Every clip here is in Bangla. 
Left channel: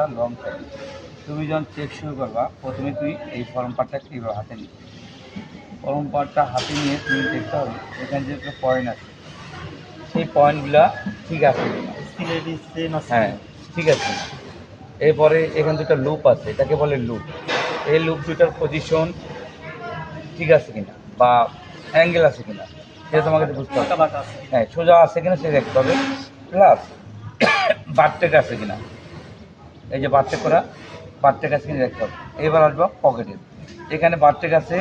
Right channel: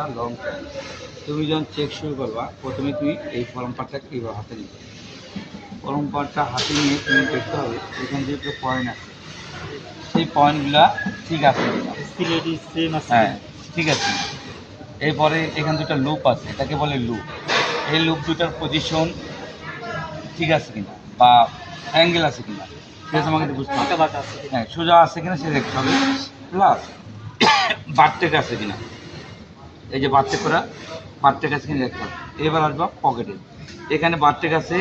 পার্টটা লং টাইম তুমি যখন চেক শুরু করবা প্রথমে তুমি এই ফর্ম পার্টটা কীভাবে হাতে নিবে। ফর্ম পার্টটা হাতে নিয়ে তুমি দেখতে হবে এখানে যে একটা পয়েন্ট আছে। সেই পয়েন্টগুলা ঠিক আছে হ্যাঁ ঠিক আছে। এরপরে এখানে দুটো লুপ আছে এটাকে বলে লুপ এই লুপ দুটার পজিশন ঠিক আছে কিনা? বা অ্যাঙ্গেল আছে কিনা? সেটা তোমাকে বুঝতে হবে। হ্যাঁ সোজা আছে কিনা সে দেখতে হবে। প্লাস বারটেক আছে কিনা? এই যে বারটেক করা বারটেক আছে কিনা দেখতে হবে। এইবার আসব পকেটে। এখানে বারটেক আছে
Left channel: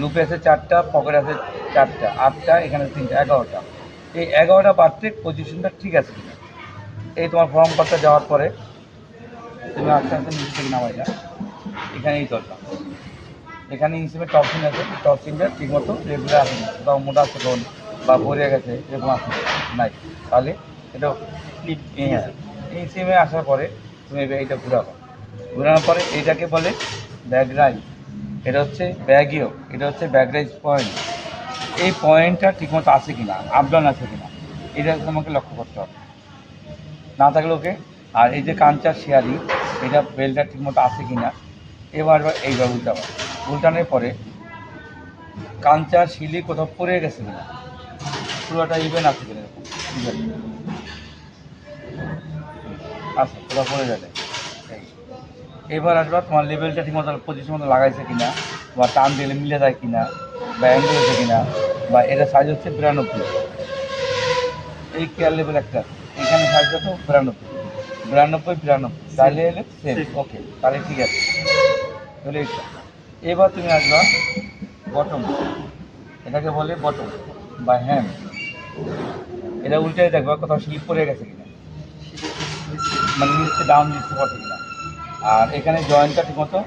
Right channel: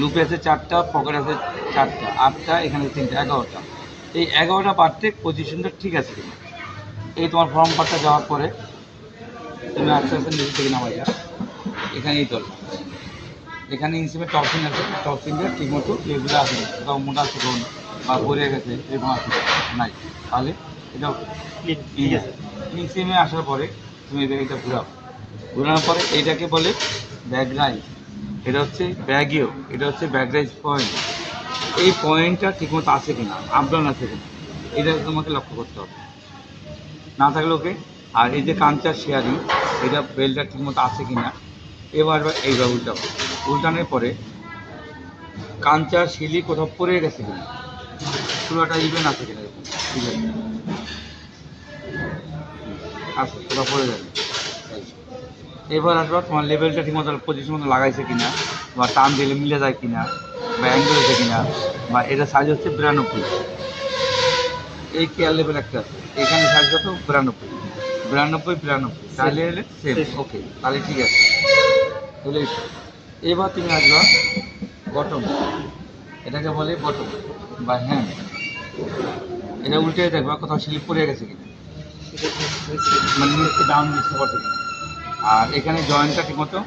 লুপে আছে চারটা পকেট আছে চারটা আটটা এখানে তিনটা এগারোটা। এই এগারোটা বারটেক পজিশনটা ঠিক আছে কিনা? এই তোমার ফর্ম পার্টটা যাওয়ার পরে তুমি আস্তে আস্তে নিচে থেকে নামাইলা এখানে এই তলটা এখানে ইনসিমে টপ সিং আছে টপ সিংটা ঠিক মতো রেগুলার আসে বা মোটা আছে কোন? বা গড়িয়ে গেছে এরকম আসে নাই। তাহলে এটা ইনসিমে আসার পরে তুমি এটা ঘুরাও ঘুরানোর পরে এটাকে বলে ব্যাগ রাইজ। এটা হচ্ছে ব্যাগিও এটা হচ্ছে ব্যাগ রাইজ পয়েন্ট। এই পয়েন্টটা ঠিকমতো আছে কিনা? আপডাউন আছে কিনা? এটা তোমাকে লক্ষ্য করতে হবে। না থাকলে ওকে আর এই যে কাঞ্চার শেয়ারিং এটা বেলটা ঠিকমতো আছে কিনা? এবার এবার এইভাবে উল্টাবো উল্টানোর পরে কাঞ্চার শিলি কোথাও পড়ে গেছে কিনা? পুরোটা ইভেন আছে কিনা? ইভেন আছে পুরো পড়ে যাবে। এবার আসবা তোমার লেভেলটা ঠিকমতো পজিশন মতো লাগাইছে কিনা বা টান দিলে মিলে যায় কিনা বা অ্যাঙ্গেল হয়েছে কিনা বা এটা সাইজ হচ্ছে বিরানব্বই। এই কেয়ার লেভেল একটা। এখানে সাইজ কত? বিরানব্বই। বিরানব্বই বিরানব্বই। তাহলে হলে সেম ওকে তাহলে ঠিক আছে। তাহলে। এবার তুমি আসবা বটম এটাকে বলে বটম বা হ্যান্ড এটা উল্টে দেখবা কোথাও স্লিপ পড়ে গেছে কিনা। ঠিক মানে ডাউন নিচে পড়ছে কিনা। আর এখানে জয়েন্টটা ঠিকমতো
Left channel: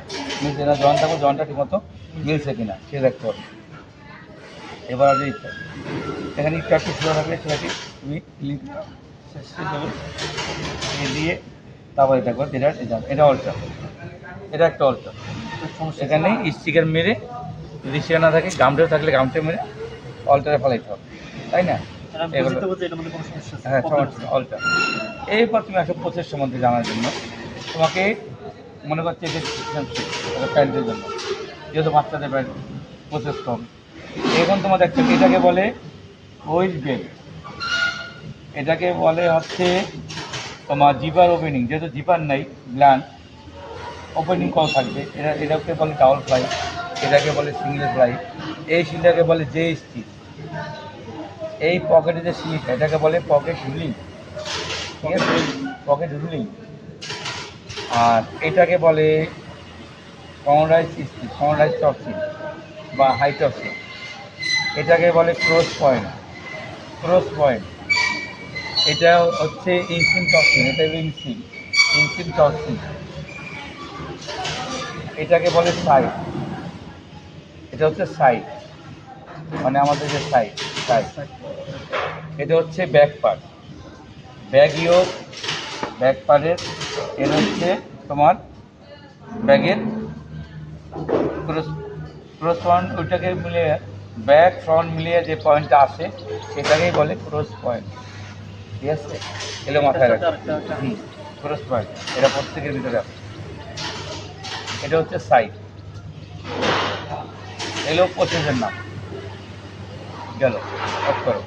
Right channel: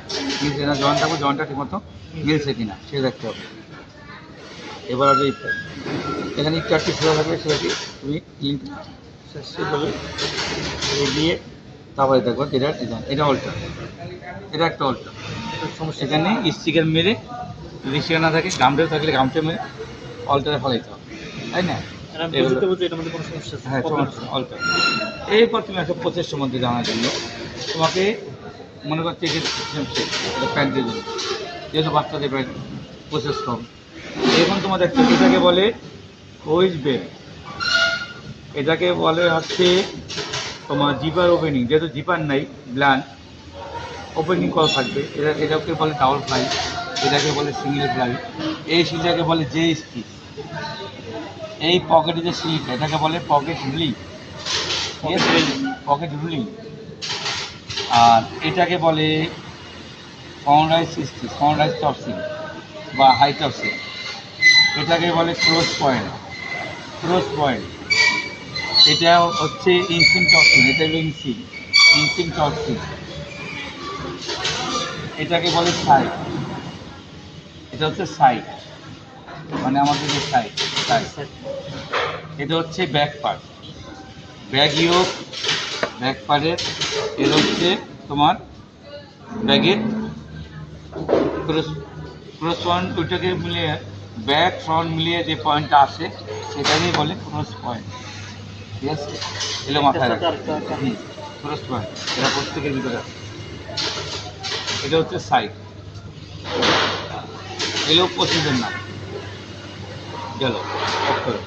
নিচে না জয়েন্ট থাকবে জয়েন্টটা ঠিকমতো মিলছে কিনা সে দেখতে হবে। এবার যে এখানে একটু একটু সোজা থাকলে সেটাকে তুমি ক্লিন দিয়ে তারপরে দেখব এটা ডিজাইন এটা অল্টার এটা একটা অল্টার সমস্যা এখানে স্টিকার মেরে যদি সেখানে না থাকে গামটে থাকলে গামটে মেরে অল্টারে ফলাইতে হবে। তাই না? হ্যাঁ সমস্যা অল্টার এরপর তুমি একশো পঁচিশ সম্বন্ধে জানার জন্য। তোমাকে মনে করছে প্যান্টের জন্য, যেহেতু বাচ্চাদের প্যান্ট প্রসেস কম। এখন তোমার একটা এটাকে বলে হুইল বেল এটাকে বলে হচ্ছে তোমার জিপার ওপেনিং যেহেতু জিপার নাই ব্ল্যান্ড ওপেনিং করা থাকবে। এটা, এটাকে বলে ডাবল ফ্লাই এটাকে বলে সিঙ্গেল ফ্লাই এই সিলটাকে বলে জে স্টিচ এই পকেটে যে সিট এটাকে বলে পকেট হুলিং ঠিক আছে পকেট হুলিং আর এটাকে বলে কনরাইজ স্টিচ কনরাইজ টপসিং বা হাই টপসিং এটাকে বলে ক্রস পয়েন্ট ক্রস পয়েন্ট এটা হচ্ছে ইনসিম টপসিং এটা ইনসিম ইনসিম টপসিং এটাকে বলে সাইড এটা হচ্ছে সাইড মানে আমাদের যে সাইড সাইড এটা হচ্ছে back part bag yoke back পার্টের এর হচ্ছে তোমার ব্যাগের ক্রস ক্রস পয়েন্ট ওইটাকে মিলিয়ে ব্যাক ফ্রন্ট মিলিয়ে যে পয়েন্টটা আসে সেটাকেই বলে ক্রস পয়েন্ট। ঠিক আছে? এলে মাথায় হুম ক্রস পয়েন্ট। এটা প্রত্যেকের ভিতরে আছে। এটা হচ্ছে সাইড। এলো পঁচিশের নাম গেল। করো।